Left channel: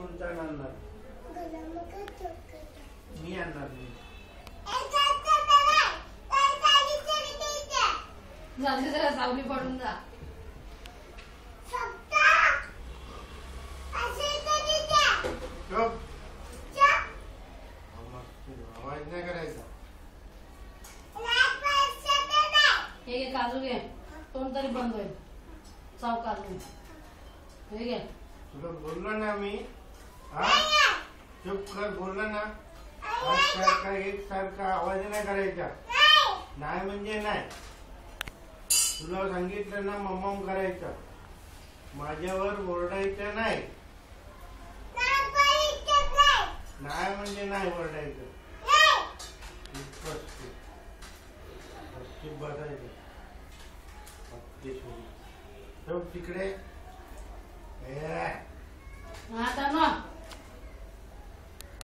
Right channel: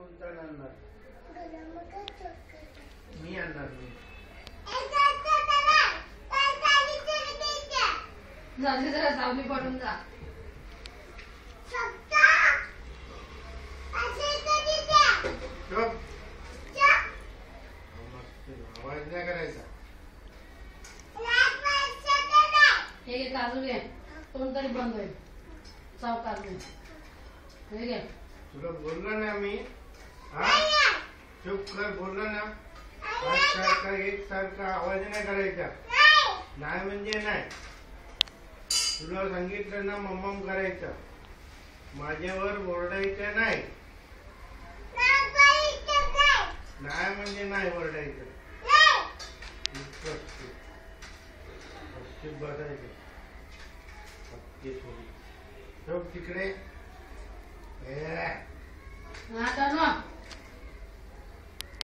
कोणता आणणार? मी आणणार मी. जाते जरा सावली पडून जा. आवाज नाही करायचा. हे घे काजू घे, तोंड तरी बंद होईल. सावकार हे घे. तुला बोललो ना मी, हा चुप कर. बोललो ना एक सारखा आवाज नाही करायचा. नाही म्हणजे नाही. तुला सांगितलं ना मम्मम करायचं. माझ्यावर ओरडायचं नाही. नाही म्हणजे नाही ओरडायचं. बसायचं तिकडे. आता